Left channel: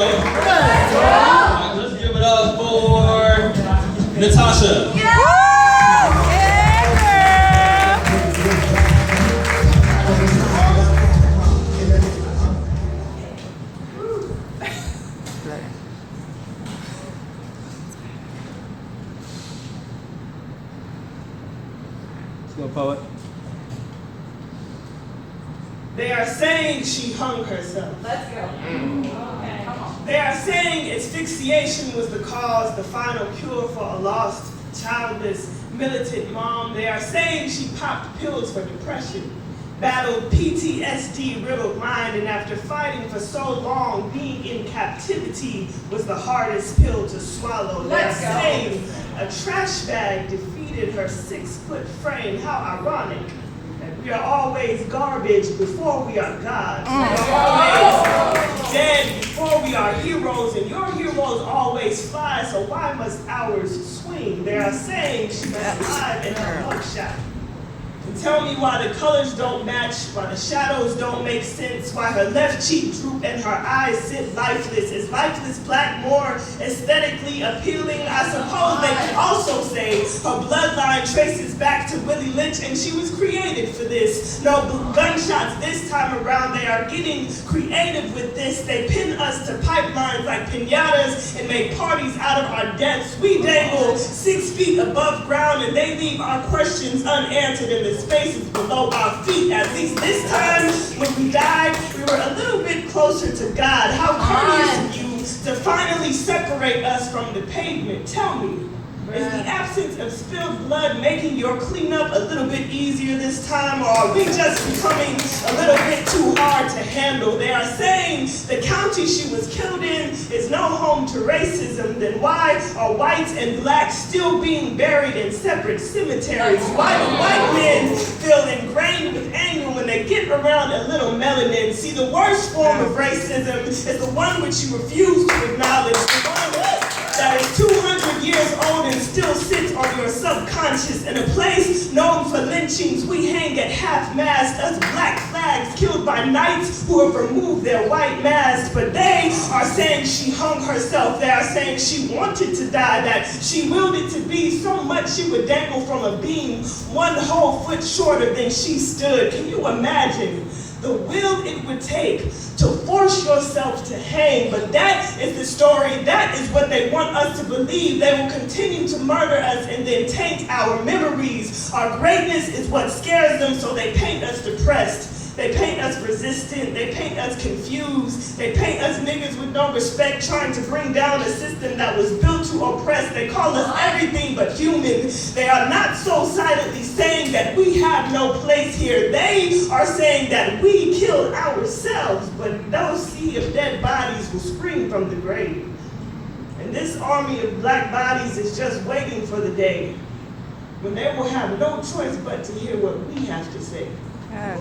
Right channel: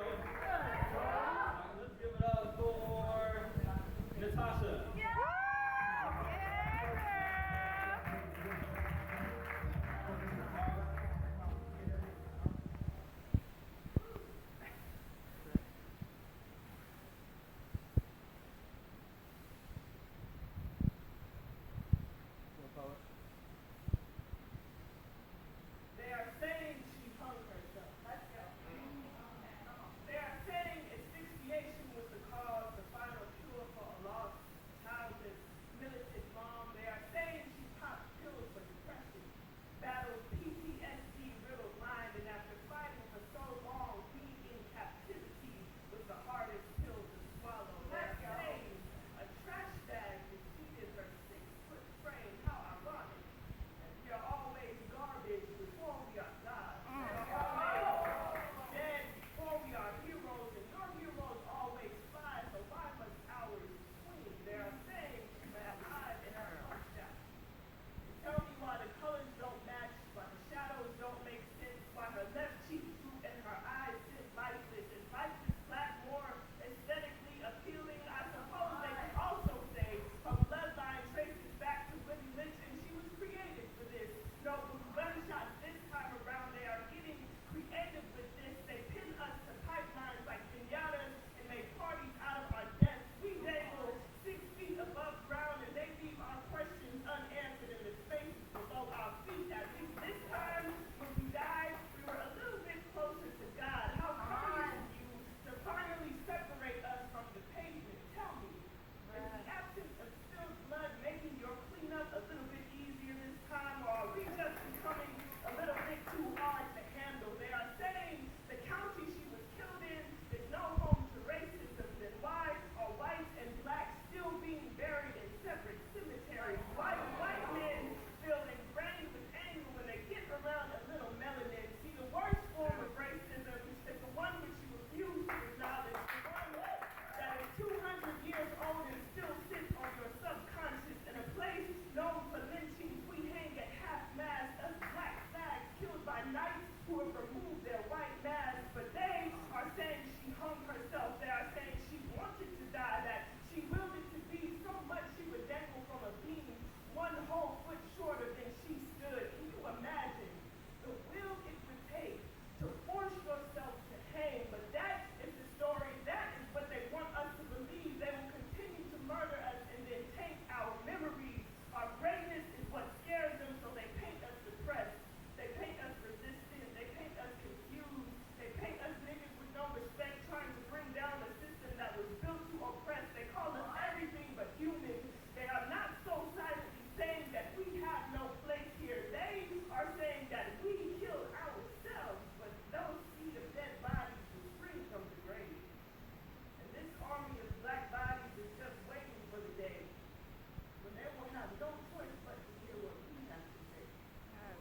go. Right, let's give it up for Natasha. Let's go, poet. They are saying she hung herself. Let's go. Okay, come on. They are saying asphyxiation was the cause, the final cure for a lost, childless, militant mom. They are saying she popped pills for depression, battled PTSD-riddled mind, and after fighting for so long, being in captivity was the hardest pill to swallow. They are saying a trash bag defeated her 6-foot frame. How ironic. We are always garbage before we are gods. We are always dead before we are heroes, and your heroes always fly, so why must ours swing? They are saying she must live in her mugshot. And tell me why the colors don't match, why the shadows don't make sense, why her left cheek droop and her eyes sit lifeless. Is lifeless black more aesthetically appealing? I suppose they could also say her bloodline traces back to Willie Lynch, and she was created for this. No gunshots this time around. They are getting creative with this. They pin us to pipelines like piñatas and make parties out of our deaths. We dangle 6 feet above ground, and they leave our questions unanswered in the spaces below our feet. At least this time, when we died, we were a little bit closer to God. How courteous of you to finally separate us from the pavement. Tell me, is the absence of spilled blood making your cleanup a little bit easier this time, or are we just becoming a little bit too hard to handle? They are saying the county she was killed in is no home to racism. Then why are whites and blacks still being buried in separate cemeteries? Why do white men feel ingrained with anger when they get around a little melanin? See, the worst form of racism is the one which you refuse to acknowledge, the one that is 200 years old and still sits on your subconscious. In a place known for lynchings, we hang at half-mast, us black flags killed by knights who have removed their white masks. But they are saying she hung herself. They are saying she wanted to die, that she willed it to be so much she would dangle from a beam 1 whole foot shorter than she stood. Can you imagine the will it would take to force yourself to hang? But that is the story. That is what they want us to believe. They will continue to murder us and then taint our memories. Our greatness is what scares them, so they paint us depressed. They paint us resistant. They paint us confused. They paint us niggas with no respect, trying to bring down a system that was built to oppress. They call us everything but human. They are not so silently saying that we have no place here. They are saying that we killed ourselves, but those sea of dead bodies will spring from the grave. And this army of black bodies is just waiting for the day when they will have no choice but to hear what we have to say. Yes.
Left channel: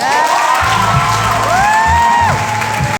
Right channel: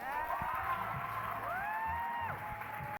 Yes.